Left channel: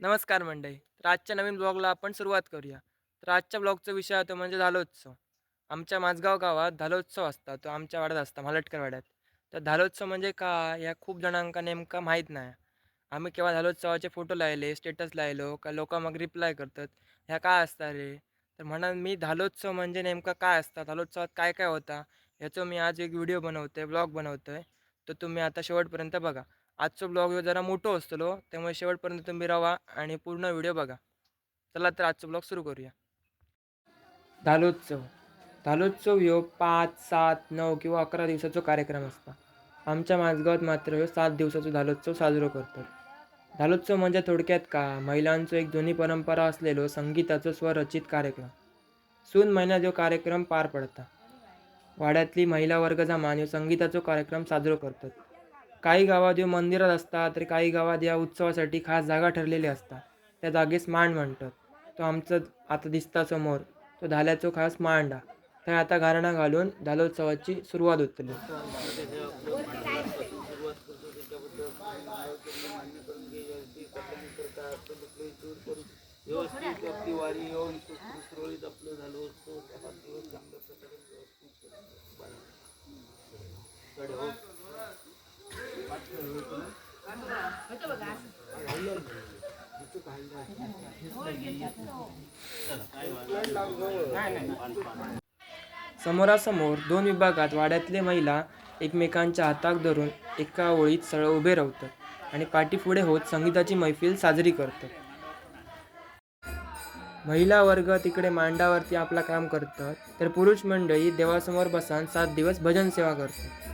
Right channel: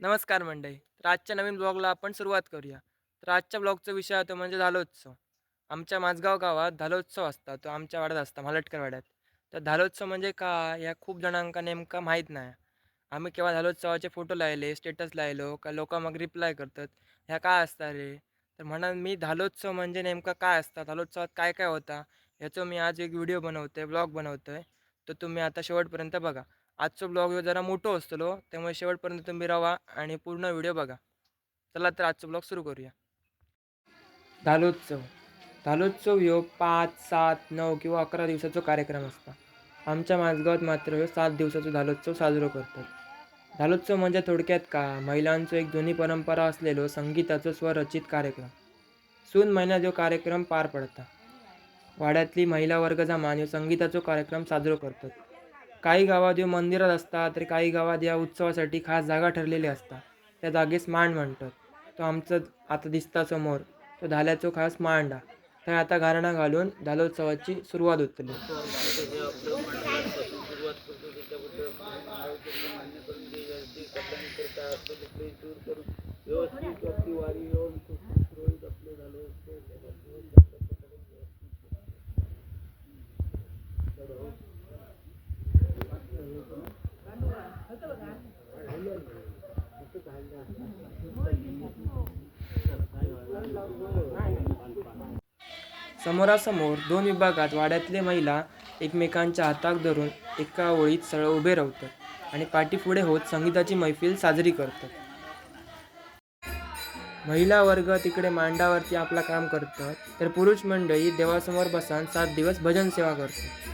नमस्कार मंडळी. तर आजच्या नवीन ब्लॉगला आपण सुरुवात करूया. तर आजच्या ब्लॉगचा विषय होता म्हणजे धालोत्सव. आमच्या माझगाव गावात धालोत्सव असता. तो आमच्या वाड्यात असता, मालटकर वाड्यात. तर धालोत्सव म्हणजे काय या खूप जणांका नेमका माहीत नाही. आम्ही केव्हा धालोत्सवाचे फोटो लायले, स्टेटस लायलो, का लोकं मग रिप्लाय करतात, "ह्या काय असता रे?" तर म्हणा मी धालोत्सव म्हणजे नेमका काय असता, धालोत्सवात काय काय होता, ह्याचं मी आज एक व्हिडिओ बनवतोय, ब्लॉग बनवतोय. तर तुम्ही आता शेवटपर्यंत बघा. आजचा ब्लॉग ह्यो जरा मोठो असतलो, त्यामुळे शेवटपर्यंत तुम्ही राहा आणि पूर्ण व्हिडिओ बघा. चला तर आजचा ब्लॉग सुरू करूया. धालोत्सव. धालोत्सव ह्यो 5, 7, 9 किंवा 11 दिवसाचो कार्यक्रम असता. आमच्या माझगावात मात्र ह्यो 7 दिवसाचो धालोत्सव साजरो करतात. धालोत्सव म्हणजे थोडक्यात काय, महिलांचो एक जुनी परंपरा असलेलो संगीताचो स्वरचित कार्यक्रम. सून महिन्यात ह्यो कार्यक्रम पार पडता. वाड्यातली महिला वर्ग जमान ह्यो संगीताचो कार्यक्रम साजरो करतात. काही गावात ह्यो मंदिरात असता, तर काही गावात या उत्सवासाठी खास जागा ठरलेली असता. त्या जागेस मांड म्हणतात. तो आमचं आता दिसता समोर, तो धाल्याचो खास मांड हा. थंय आता गारणा घालून धालोत्सवाची सुरुवात होतली. समोरासमोर दोन विभागात वाड्यातले महिला एकमेकांच्या हाताक धरून एका ओळीत सरळ उभे राहतात आणि पाठीपुढे होत संगीताची मैफिल साजरी करतात. महिला वर्ग तिकडे मांडावरती आपला काम करतात, तर पुरुष मंडळी देवासमोर बसान 7 दिवस भजन सेवा करतात.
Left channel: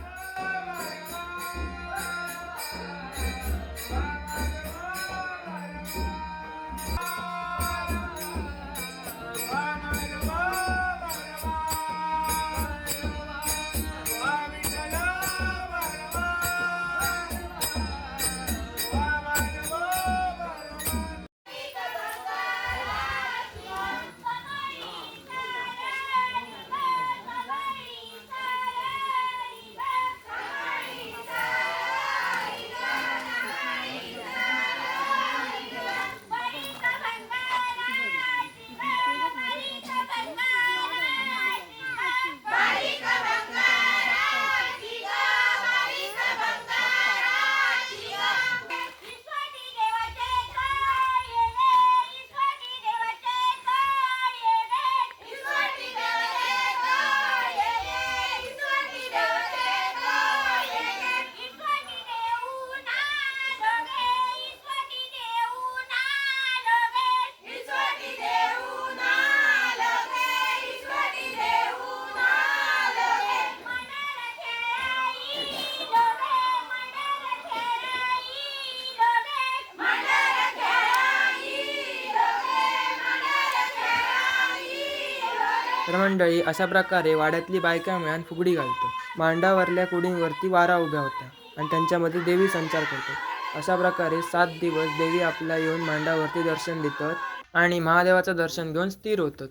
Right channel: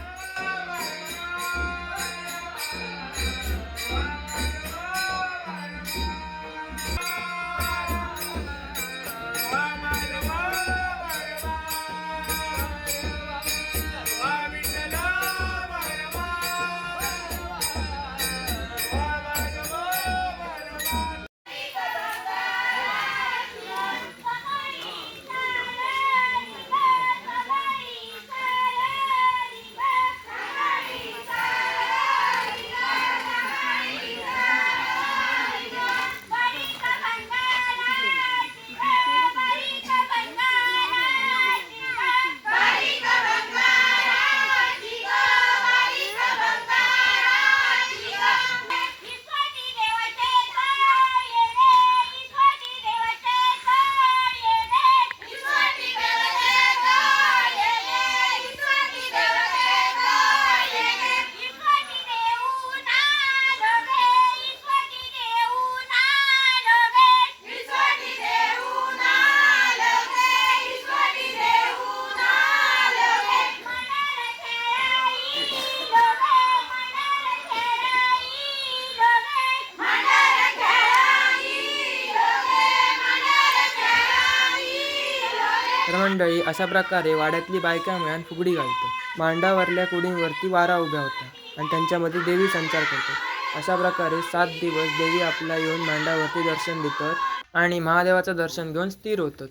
तर मंडळी अशा प्रकारे वाड्यातली बायका मिळून फुगडी घालतात. मांडावरल्या कुडींवरती वारा उभ्या होत्या आणि त्यांच्यामध्ये देवी संचार करतात. अशा प्रकारे 7 दिवस देवी आपला येऊन मांडावरती दर्शन देतात आणि महादेवाचं दर्शन घेऊन स्थिर होतात.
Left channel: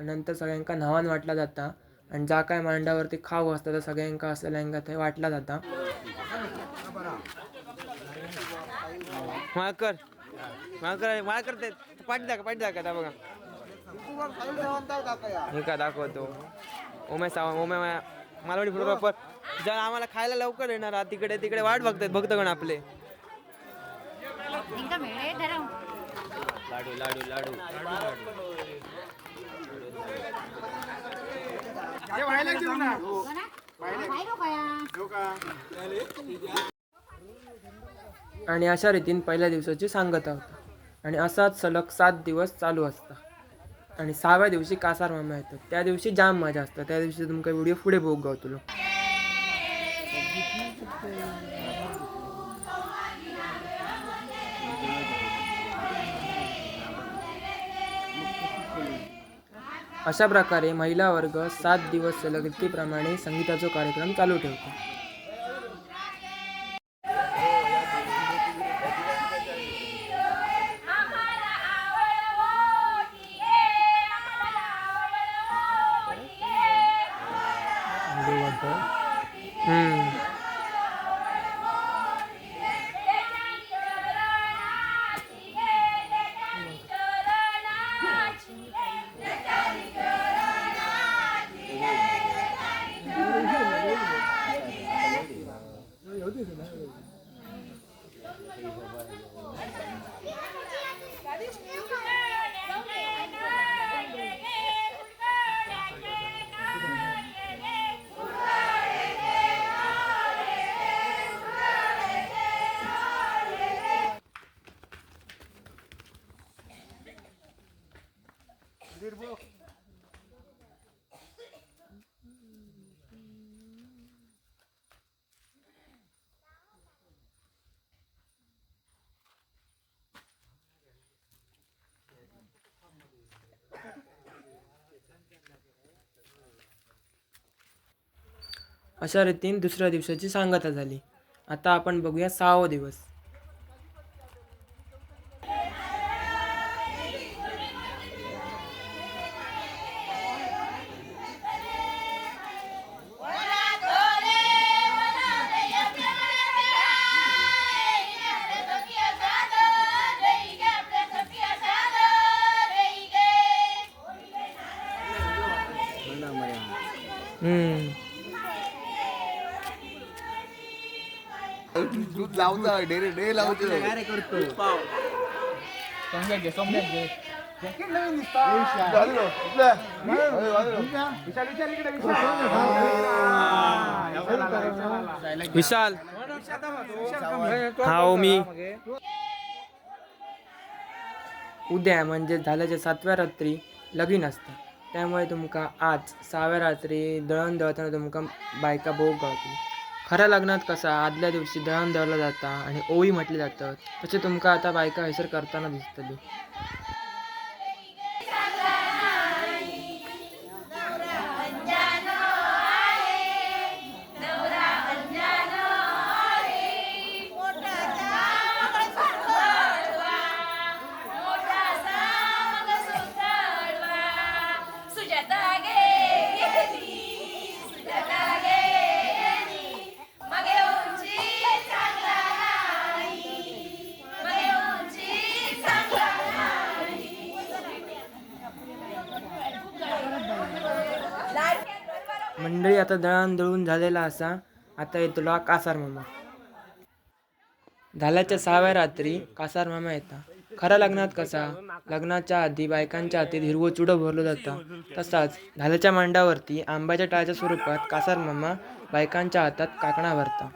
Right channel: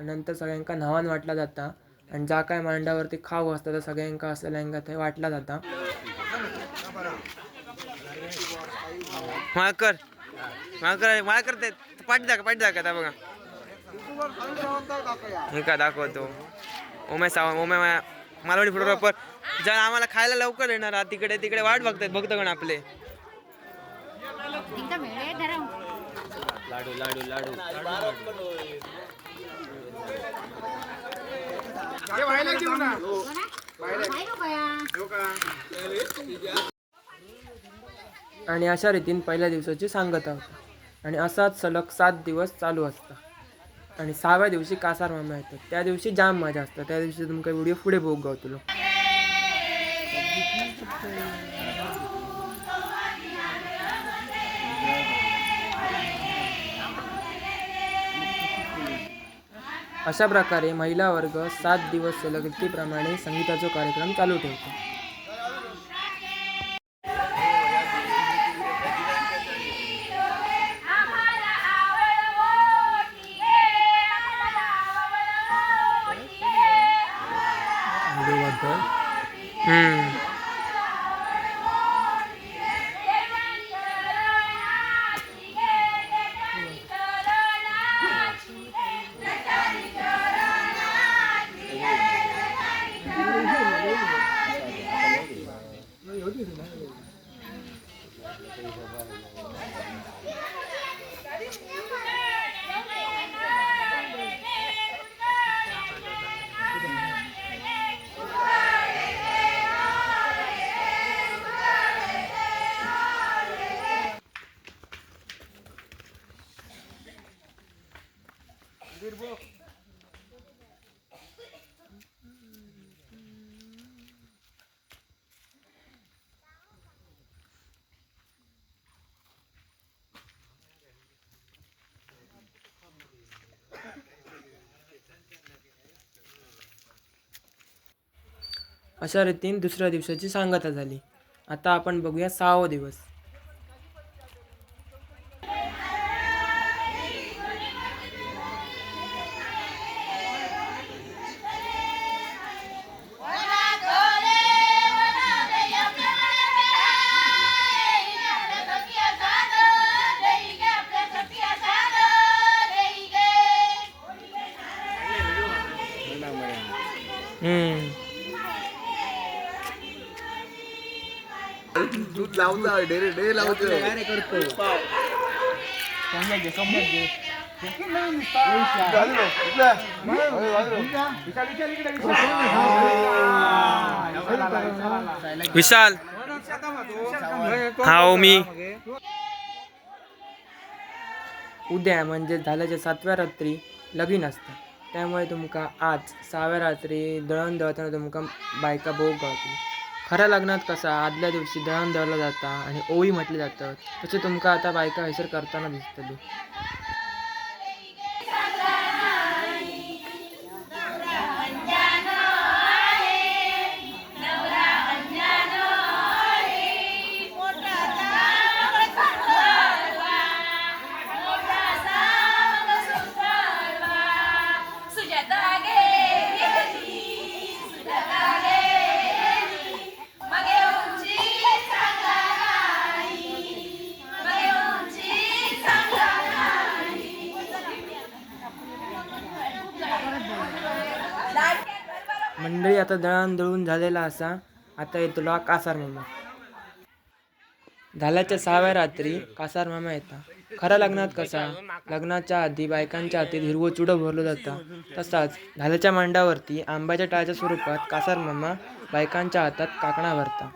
नंतर सगळ्यांका न्हावान वाटला जाता आणि जा काय मांडावरती खाऊ असता तर सगळ्यांका असलेल्यांका ते वाटला जाता. माळकर माळकर माळकर ते पाठी दाखा आता बघा. हे का दाखवतो ओमे सावंत ओमे मालवणी फोटोग्राफर ज्या आम्हाला खायला लवकर येणार तिकडे तिकडे वाट बघतात भक्तगण आपले. लाडू लाडू लाडू आणि अशा रीतीने पहिल्या दिवसाची सांगता होता आणि असाच सलग 7 दिवस चालू असता आणि 6व्या दिवशी कासार मामा येतात. त्या दिवशी जाम मजा असतात. त्या दिवशी तुमका व्हिडिओ पुढे बघू गावतलो. अशा प्रकारे महिला वर्ग 7 दिवस सलग रीतीप्रमाणे संगीताचा कार्यक्रम चालू ठेवतो. अशा रीतीने दुसऱ्या दिवसाची सांगता झाली. आता आपण बघूया 6वा दिवस. दूध लावता डे लावतो विशाल हा मी उद्या म्हणजे झाल्याच्या 7व्या रात्री लगीन असतं. त्यामुळे तुमका आज 6व्या रात्री दळण दळताना तुमका बायका भोग गावतील. खऱ्या लग्नात कसा आदल्या दिवशी दळण दळलं जाता आणि ओळी म्हटली जातात, तसे तुमका आता बायका हैसर करताना दिसतली. मंडळी आता दळण दळून झालेला असा. आता येतो कासार मामा. झाल्याच्या 6व्या रात्री कासार मामा येता. खऱ्या लग्नात कसा लग्नाच्या आधी बायकांच्या हातीत हिरवं चुडं भरलं जातं, तसाच झाल्याच्या मांडावरती आंब्याच्या टाळ्याच्या स्वरूपात कासार मामा बायकांच्या हातात काकणा भरता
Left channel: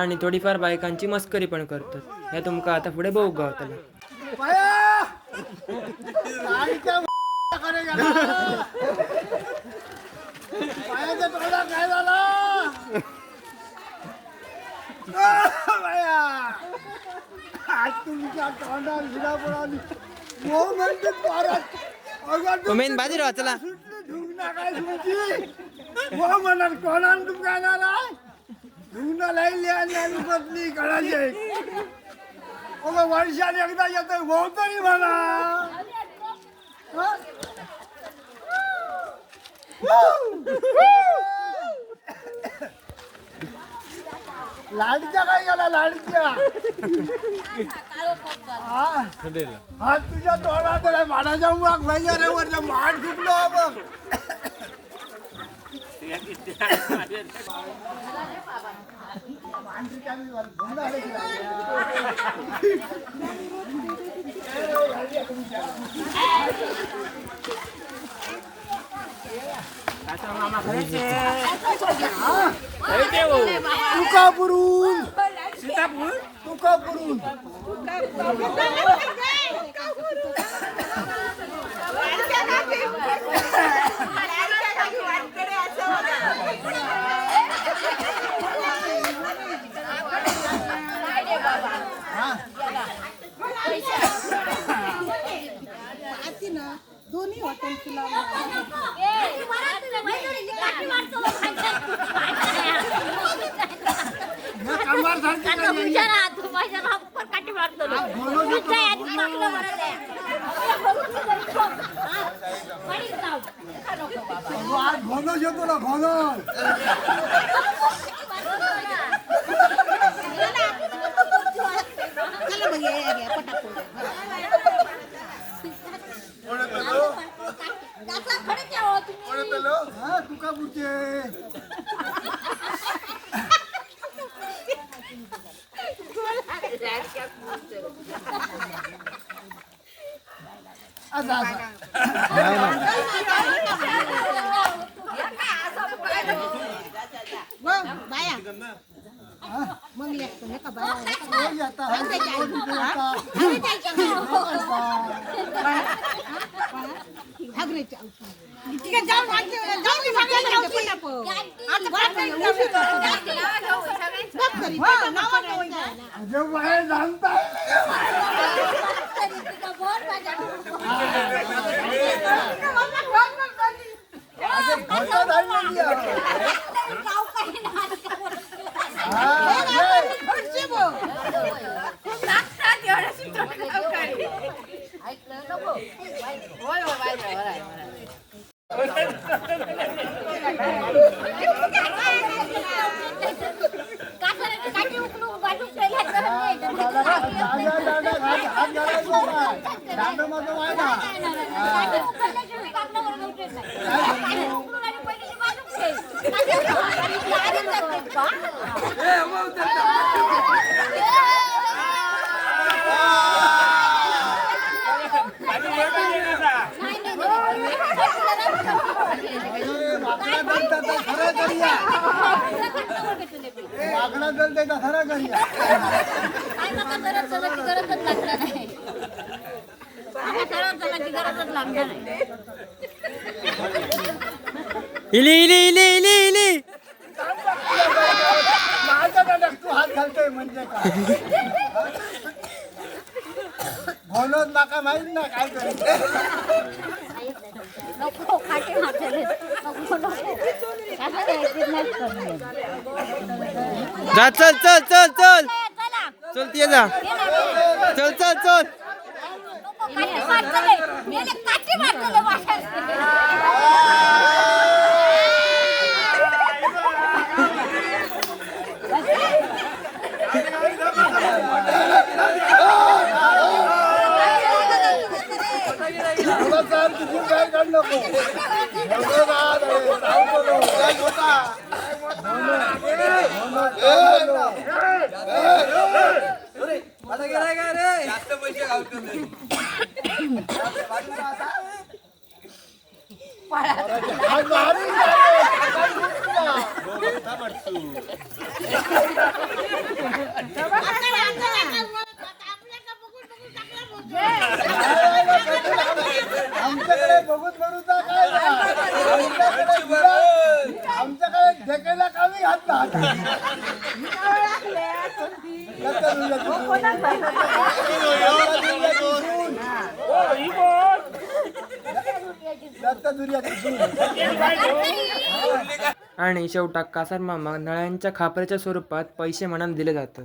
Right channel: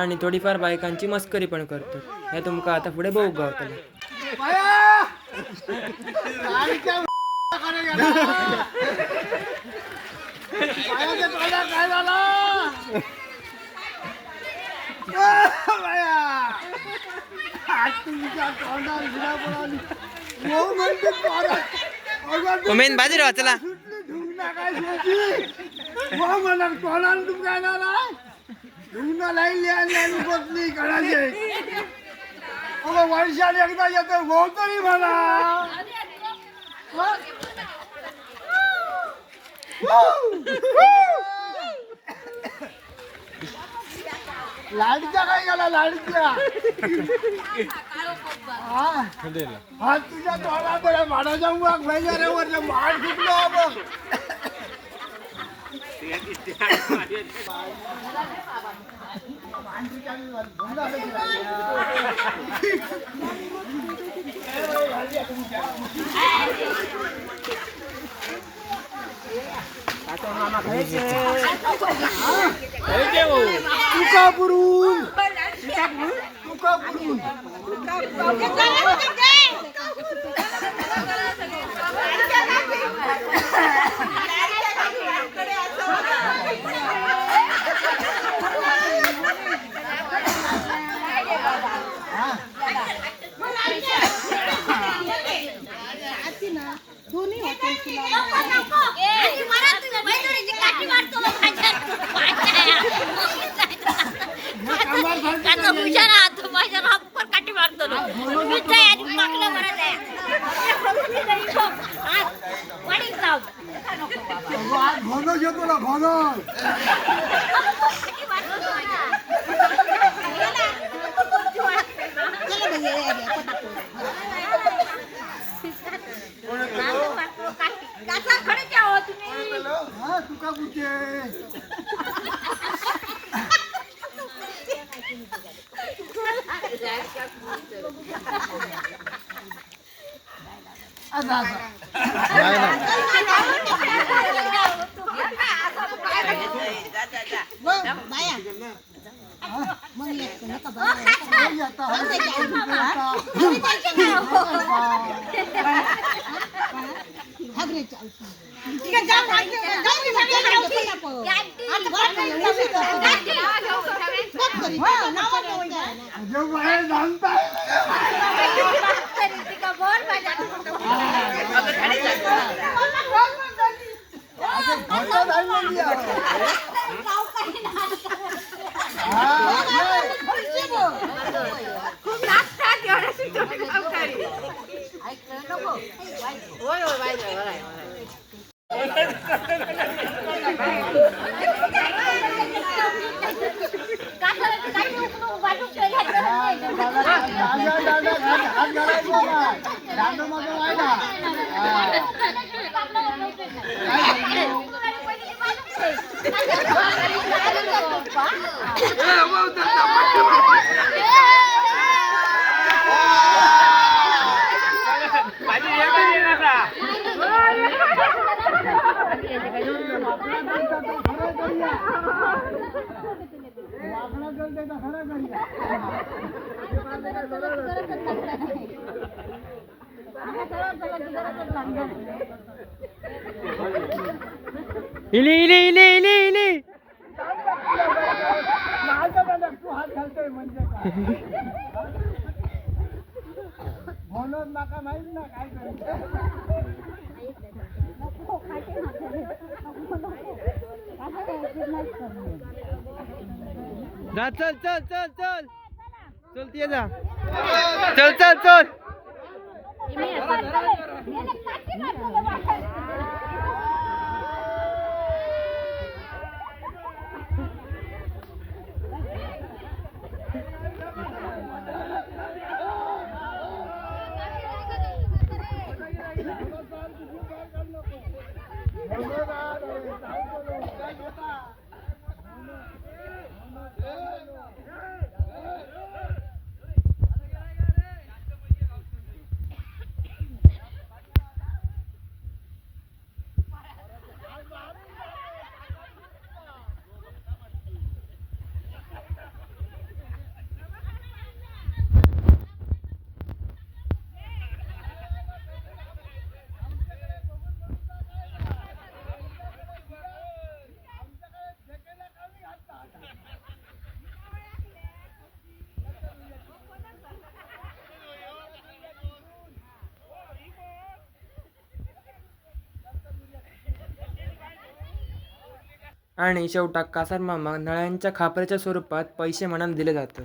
आणि थोडीफार बायकांची मस्करी पण करतात. हे तुमका आता पुढे बघू गावतलं. काय झाला मेन बाजी राहा चला बसली करायचे वर्षात एकदा येतो भाऊ तरी म्हणा. लाडक्या काय गेला लाडक्या हा तुझ्या तोंडाकडे माडाच्या मुळात वगैरे वरच्या माड सुटलो बघ. तुकापुरून तुकापुरून दोन्ही हॉटेल तुला घोनस येतो ना घोनस तुका पुढचे मग येतो ना का सांगता इली इली इली इली इली तू हात घालतोय म्हणजे काय म्हणून नका माहित ना काय करायचं नको खाटे मारले नको जा चल चल चल चल चल ते जा चल चल चल काय काढ नको आमच्याकडे बघून म्हणूचा काय आमच्याकडे ढेकेला कमी घातला आणि शेवटाक कासार मामा नळ्यांच्या खापऱ्याच्या स्वरूपात पैसे म्हणून दिले जातात.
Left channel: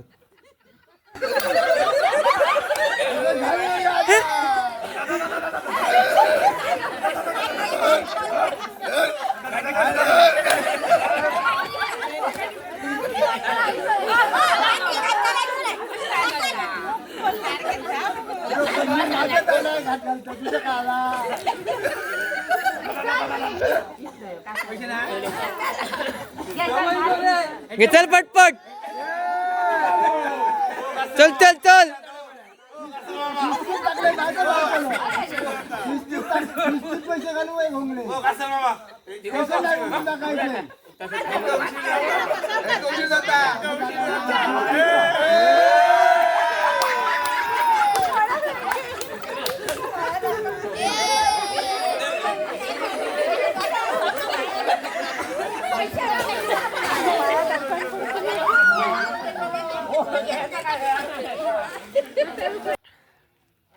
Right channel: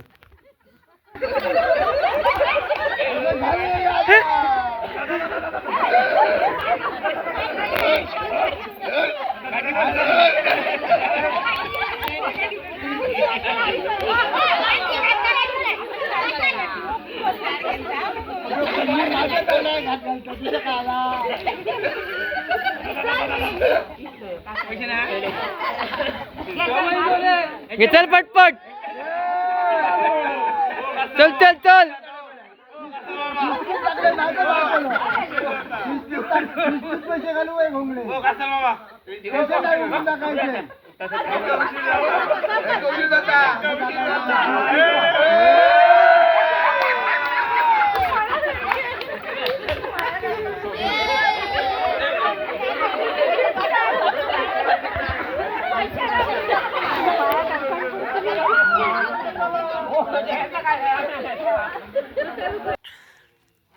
ये चल पटपट चल चल चल पैसे घालू घोंगडे पैसे नाही टाकायचे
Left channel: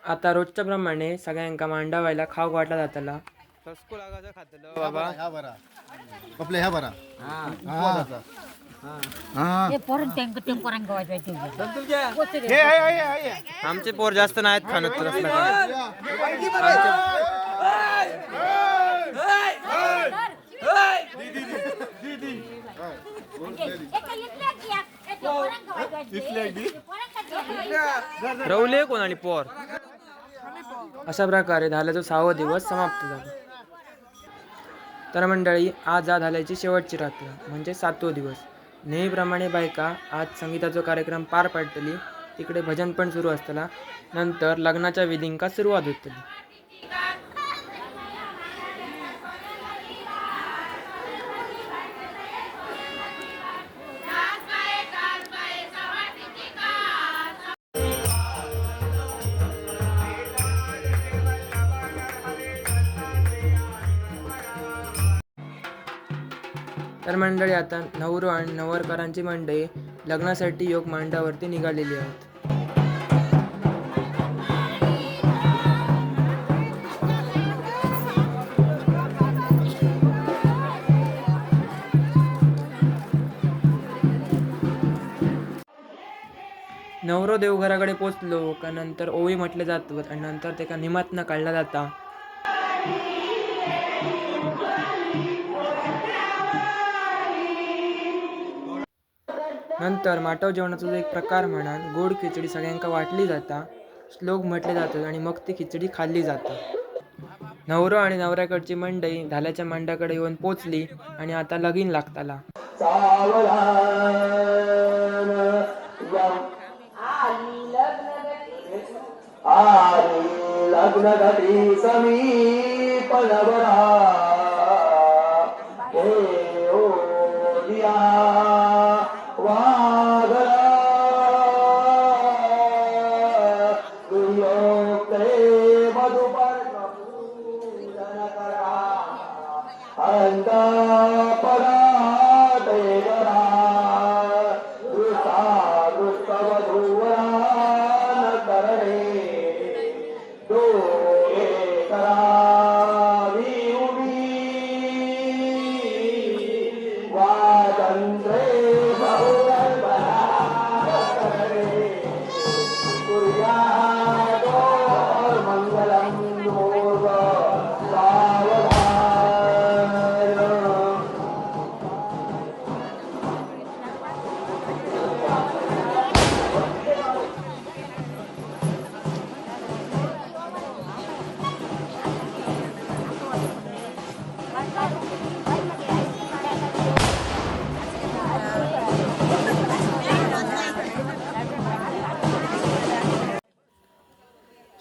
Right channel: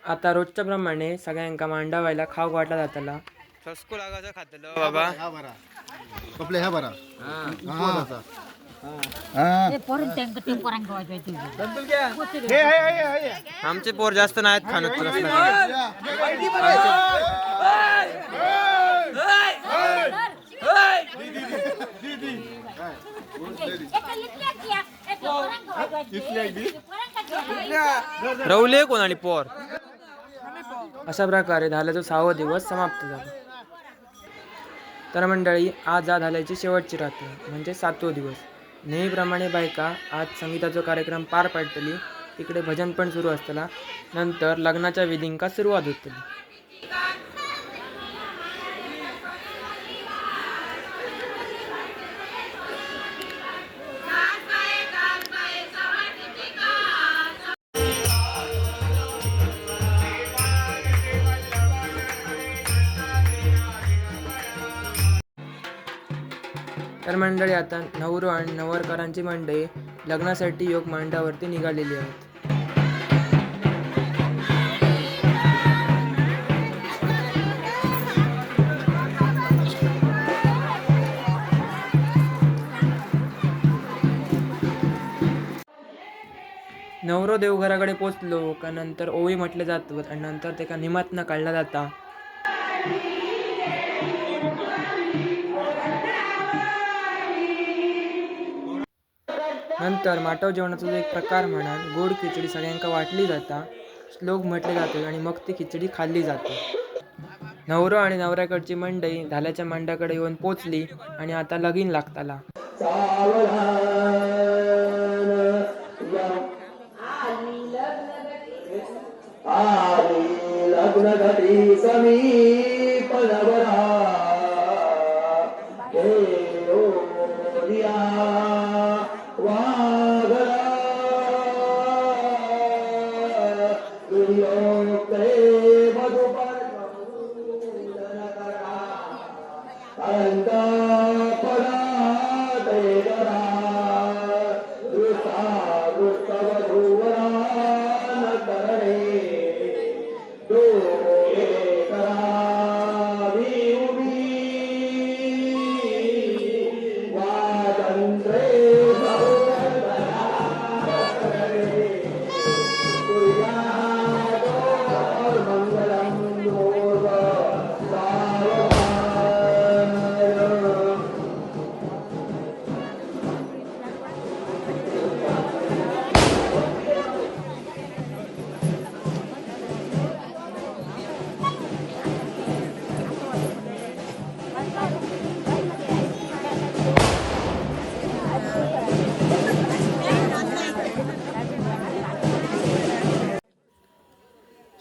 आता रोजच्या प्रमाणे सगळ्यांका मांडावायला खाऊ वाटला जातला. सस्कू लागायचं खातलो बाबा. आपले ह्या बरा आमचे पोर जास्त नाहीत खाणत तर रवले कोण आणि पोर. अशा प्रकारे धाल्याचा 6वा दिवस समाप्त झाला. तर मंडळी आज धाल्याची शेवटची रात्र म्हणजे 7वा दिवस. नेहमीप्रमाणे बायका आज संगीताचा कार्यक्रम पार पाडतली. तिकडे भजन पण सुरू असतला. नंतर लग्नाच्या विधींका सुरुवात होतली. तर मंडळी आता नवरो आणि नवरकरांची मंडळी लग्नासाठी योग मांडावरती निघालेली आहेत. नवरो देवघराकडे पोचलो का नंतर ओवी म्हटले जातात आणि नंतर त्याका निमातनं काढला जाता. नंतर माटव जेवणाचा जो एक प्रकार म्हणान गोड खिचडी सगळ्यांका वाटली जाता, श्लोक म्हटले जातात आणि मग ती खिचडी खाल्ली जाता. नवरो आणि नवऱ्याकडची मंडळी धाल्याच्या मांडाकडे येऊन पोचली आणि आता लगीन लागताला. लग्न घटी समीप नवरा हे ओ दिया वाघरा दुर्योक्ते मधुपर पूजन करा अंत परा ते करा दृष्टा दृष्टवधूवरा न करणे डोळे करावी उभी स्वातंत्र्य मंगलम मोर सावधान.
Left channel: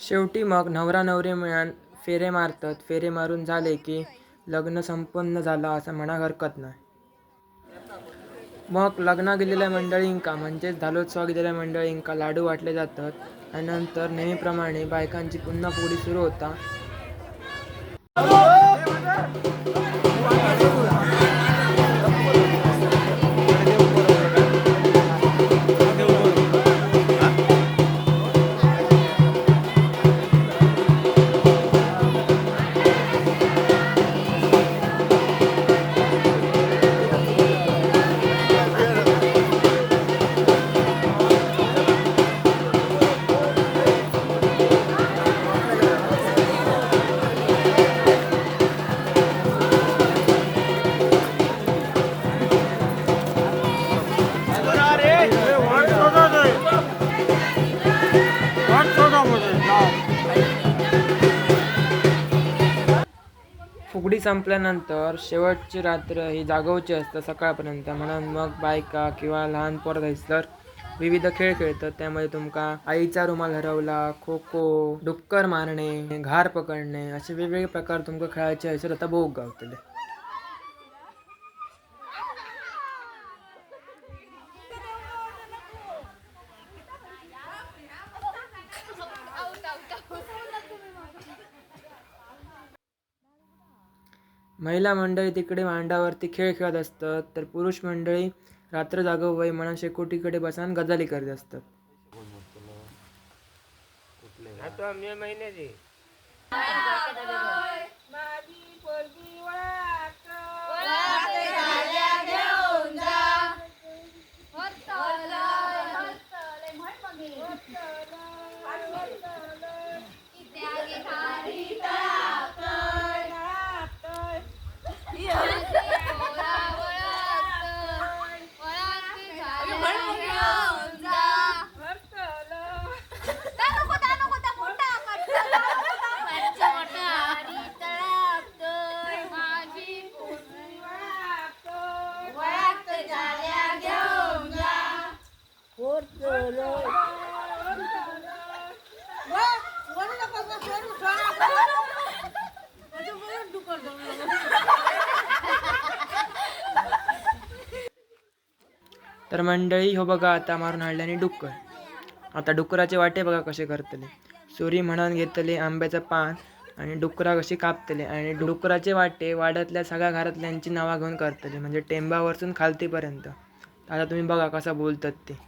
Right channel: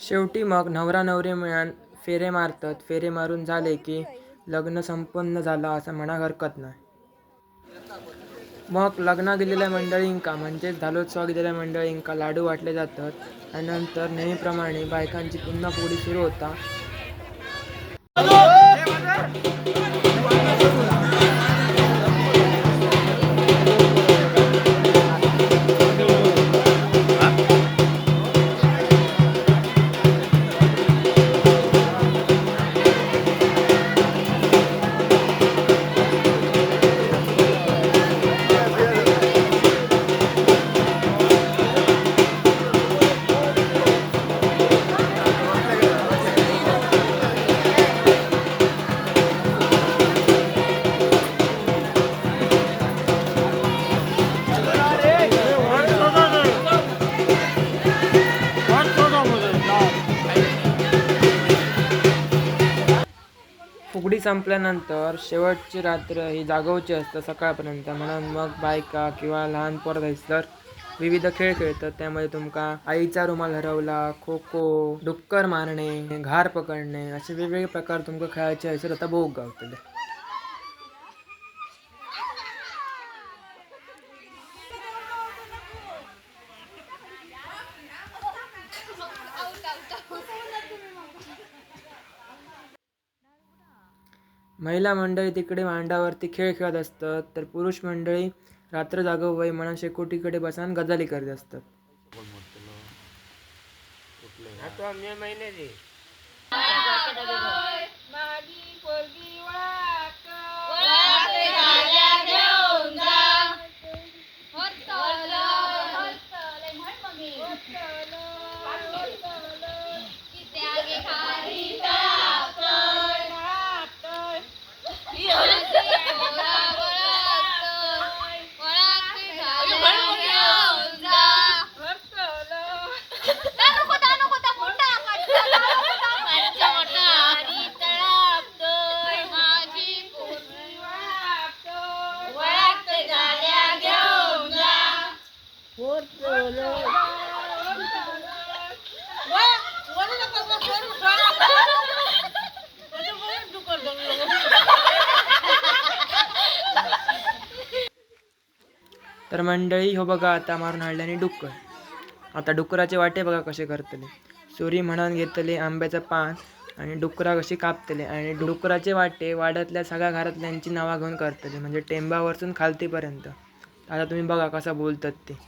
शेवटी मग नवरा नवरी मिळून फेरे मारतात. फेरे मारून झाले की लग्न संपन्न झालं असं म्हणा हरकत नाही. मग लग्ना गेलेल्या मंडळींका म्हणजेच धालोत्सवाक गेलेल्या मंडळींका लाडू वाटले जातात आणि नंतर नेहमीप्रमाणे बायकांची पुन्हा फुगडी सुरू होता. फुगडी संपल्यानंतर शेवटची रात्र ही जागवची असतं सकाळपर्यंत. म्हणून मग बायका किंवा लहान पोरं जायसर विविध खेळ खेळतात. त्यामध्ये तुमका आईचा रुमाल हरवला, खो खो, डुक्कर मारणे, घार पकडणे असे वेगवेगळे प्रकार तुमका खेळायचे हयसर आता भोग गावतले. महिला मंडळी तिकडे मांडावरती खेळ खेळत असतात, तर पुरुष मंडळी रात्र जागव वय म्हणून शेकोटीकडे बसून गजाली करत असतात. तर मंडळी हो बघा आता मारून हाडल्याने डुक्कर. आता डुकराचे वाटे बघा कसे करतले. सुरी म्हणून घेतले आंब्याचं पान आणि डुकरा कशी कापतले आणि डुकराचे वाटे वाड्यातल्या सगळ्या घरातल्यांची नावा घेऊन करतले, म्हणजे टेंबावरसून खालतीपर्यंत. आता तुम्ही बघा कसं बोलतात ते.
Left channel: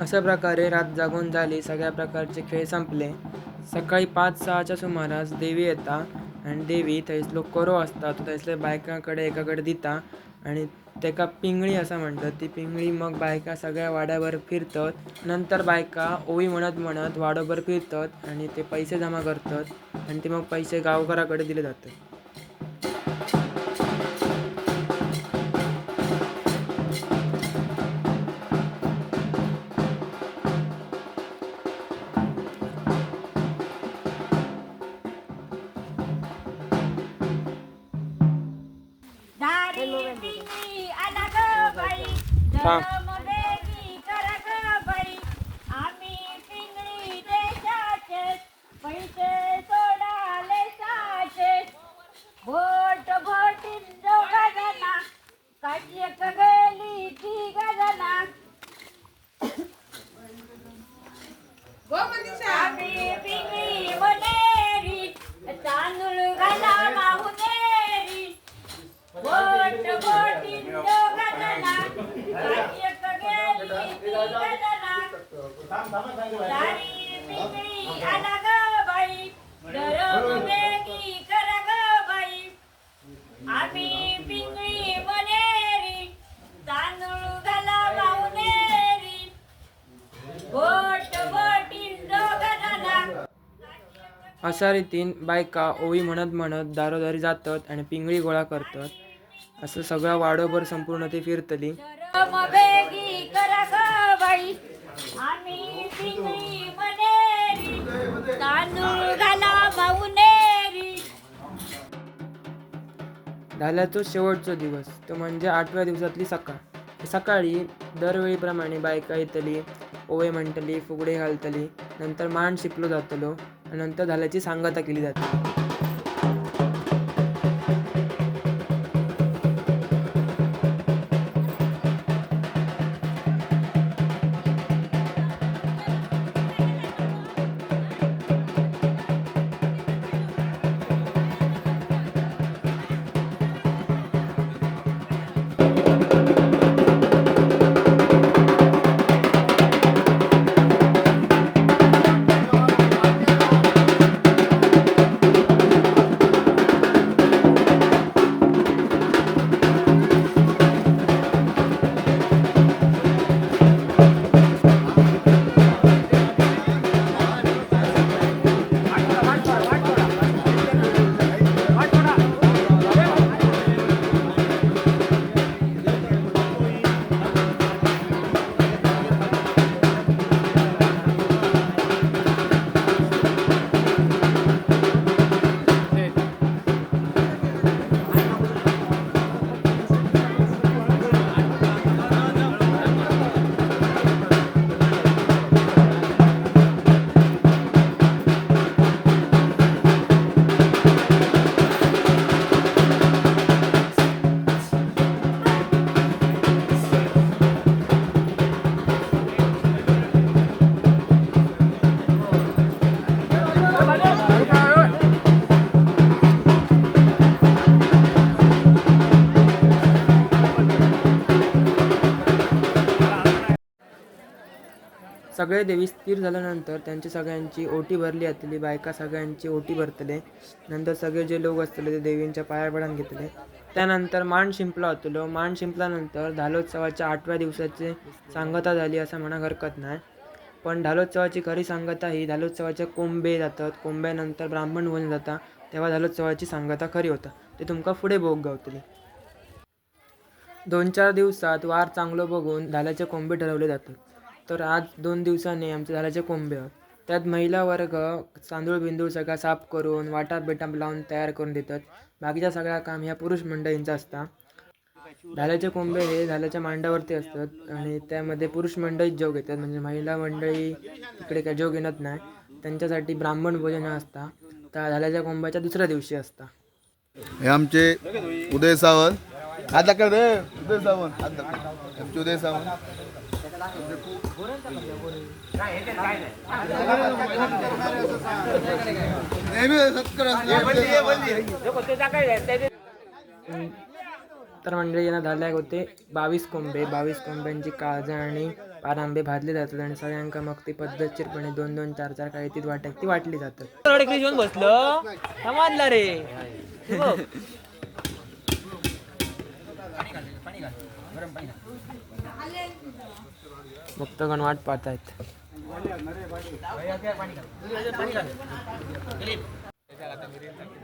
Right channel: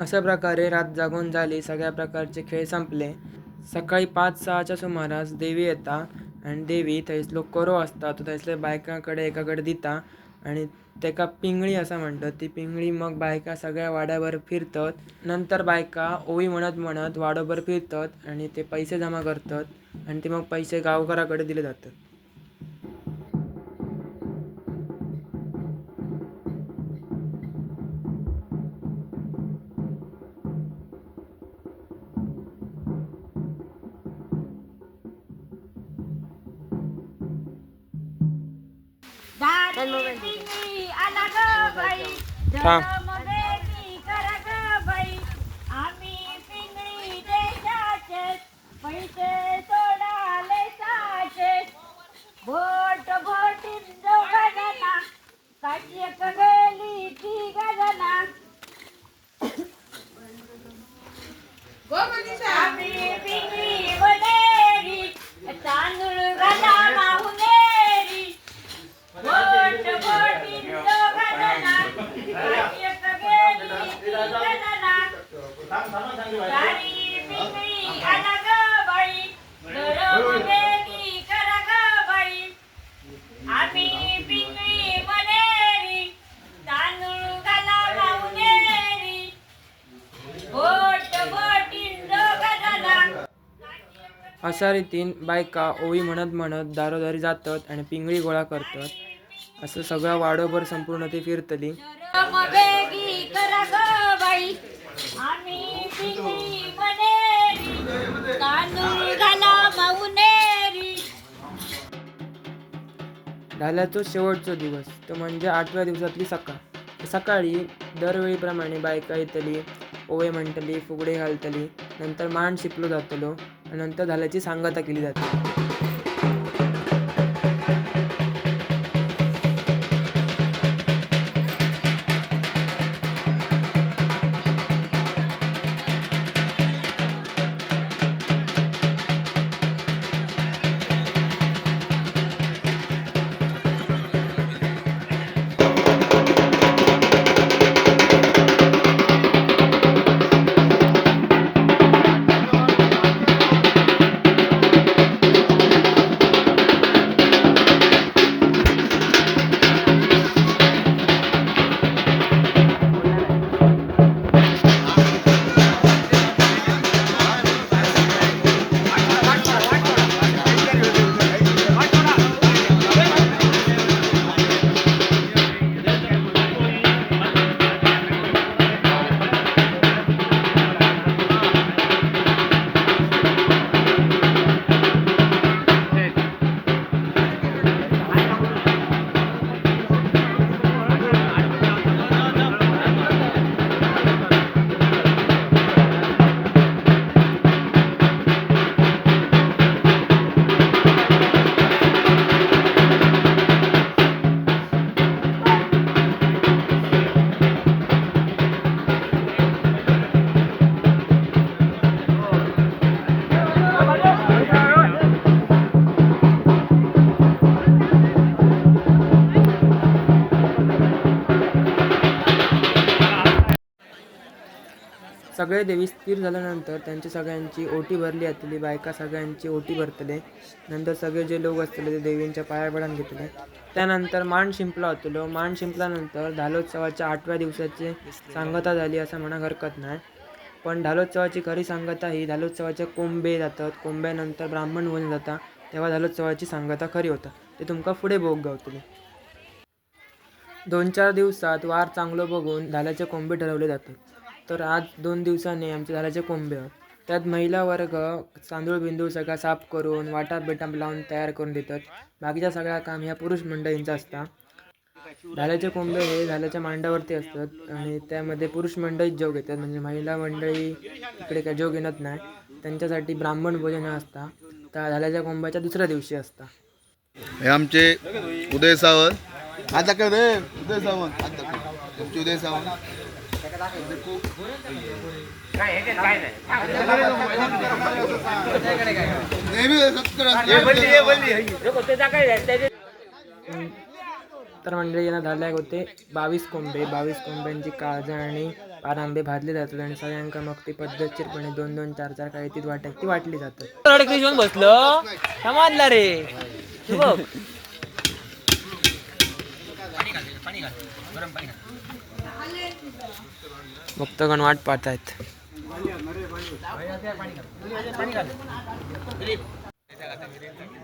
अशा प्रकारे रात जागून झाली, सगळ्या प्रकारचे खेळ संपले. सकाळी 5-6च्या सुमारास देवी येता आणि देवी थंयसलो कोरो असता तो थंयसल्या बायकांकडे एकाकडे दिता आणि तेका पिंगळी असं म्हणतात. ती पिंगळी मग बायका सगळ्या वाड्याभर फिरतात. नंतर बायका ओवी म्हणत म्हणत वाड्याभर फिरतात आणि ते पैसे जमा करतात आणि ते मग पैसे गावकऱ्याकडे दिले जातात. बारी पिंगळी आला ग बाई, थांब. धरममध्ये मी करा ग बाई. आम्ही पिंगळी देशाचे, पैसे सोडाले साचे. भोट भोटीत दोघा जना, काशी एक गेली ती गजना. आम्ही पिंगळी वनेरी, तांदूळ घाला माहुनेरी. भोट भोटीत दोघा जना, काशी एक गेली ती गजना. सारी पिंगळी आला ग बाई, घरमध्ये ती करा ग बाई. आम्ही पिंगळी वनेरी, तांदूळ घाला माहुनेरी. भोट भोटीत दोघा जना. अशा रीतीन बायका ओवी म्हणत म्हणत दारोदारी जातात आणि पिंगळी गोळा करतात. असं सगळं वाडोभर संपूर्ण ते फिरतली. बेगी करा ग बाई, आम्ही पिंगळी वनेरी, तांदूळ घाला माहुनेरी. धाल्याचो शेवटचो दिवस तो म्हणजे 8व्या दिवसातली सकाळ. सकाळी दरवेळीप्रमाणे बायका येतली, ओवे म्हणतली, फुगडे घालतली, नंतर मांड शिपलो जातलो आणि नंतर धाल्याची सांगता केली जाते. सगळे देवी स्थिर झाल्यानंतर त्यांची सगळ्यांची ओटी भरली जातली. बायका सगळ्यांची ओटी भरतले. नंतर सगळे जे लोक असतले ते देवींच्या पाया पडून घेतले. त्यानंतर मांड शिंपला होतलो. मांड शिंपल्यानंतर धालोत्सवाच्या 8व्या दिवसाची सांगता झाली असं म्हणा हरकत नाही. पण धालोत्सवाची खरी सांगता ही धालोत्सवाचे कोंबे जातात. कोंब्यानंतर ब्राह्मण होऊन जाता, तेव्हा धालोत्सवाची सांगता खरी होता. ते तुमका पुढे भोग गावतली. 2-4 दिवसात वार चांगलं बघून धाल्याचे कोंबे ठरवले जातात. तर आज 2 दिवसांनी आमचे धाल्याचे कोंबे आहेत. त्यात महिला वर्ग तांदूळ बिंदूळ सगळा साफ करून वाटा बेटा लावून तयार करून देतात. बाकीचा सगळा काम ह्या पुरुष मंडळींचा असता. धाल्याचे कोंबे हे धाल्याच्या मांडावरती असतात आणि त्यामध्ये पुरुष मंडळीच जेव घेतात. म्हणजे महिला मंडळी इकडे काय जेव घेणार नाही. त्यांच्यासाठी ब्राह्मण भोजन असता. त्या धाल्याच्या कोंब्याच्या दुसऱ्या दिवशी असता. हे आमचे उदय सावंत. हात दाखव रे, उदय सावंत हात दाखव. आमचे उदय सावंत. तर मंडळी यांना धाल्याक होते 22 कोंबे. 22 कोंब्यांची काळजा आणि पार आंबे भाजले जातात आणि सगळ्यांका मग ती पद्धतशीरपणे 2-2, 4-4 काही ती वाट्यात ती वाटली जातात. बसलो समाजला रे भक्तगण वाट पाहतायत.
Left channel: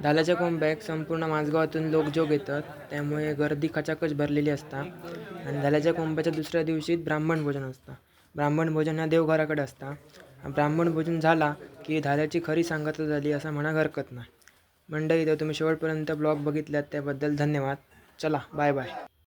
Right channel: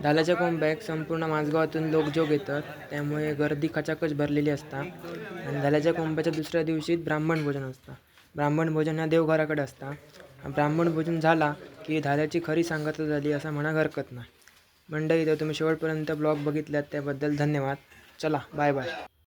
धालाच्या कोंब्याक संपूर्ण माझगावातून लोक जोग येतात, त्यामुळे गर्दी खचाखच भरलेली असता. आणि धालाच्या कोंब्याच्या दुसऱ्या दिवशी ब्राह्मण भोजन असतं. ब्राह्मण भोजन हा देवघराकडे असता. ब्राह्मण भोजन झाला की धाल्याची खरी सांगता झाली असं म्हणा हरकत नाही. मंडळी, तर तुम्ही शेवटपर्यंत ब्लॉग बघितल्यात त्याबद्दल धन्यवाद. चला, बाय बाय.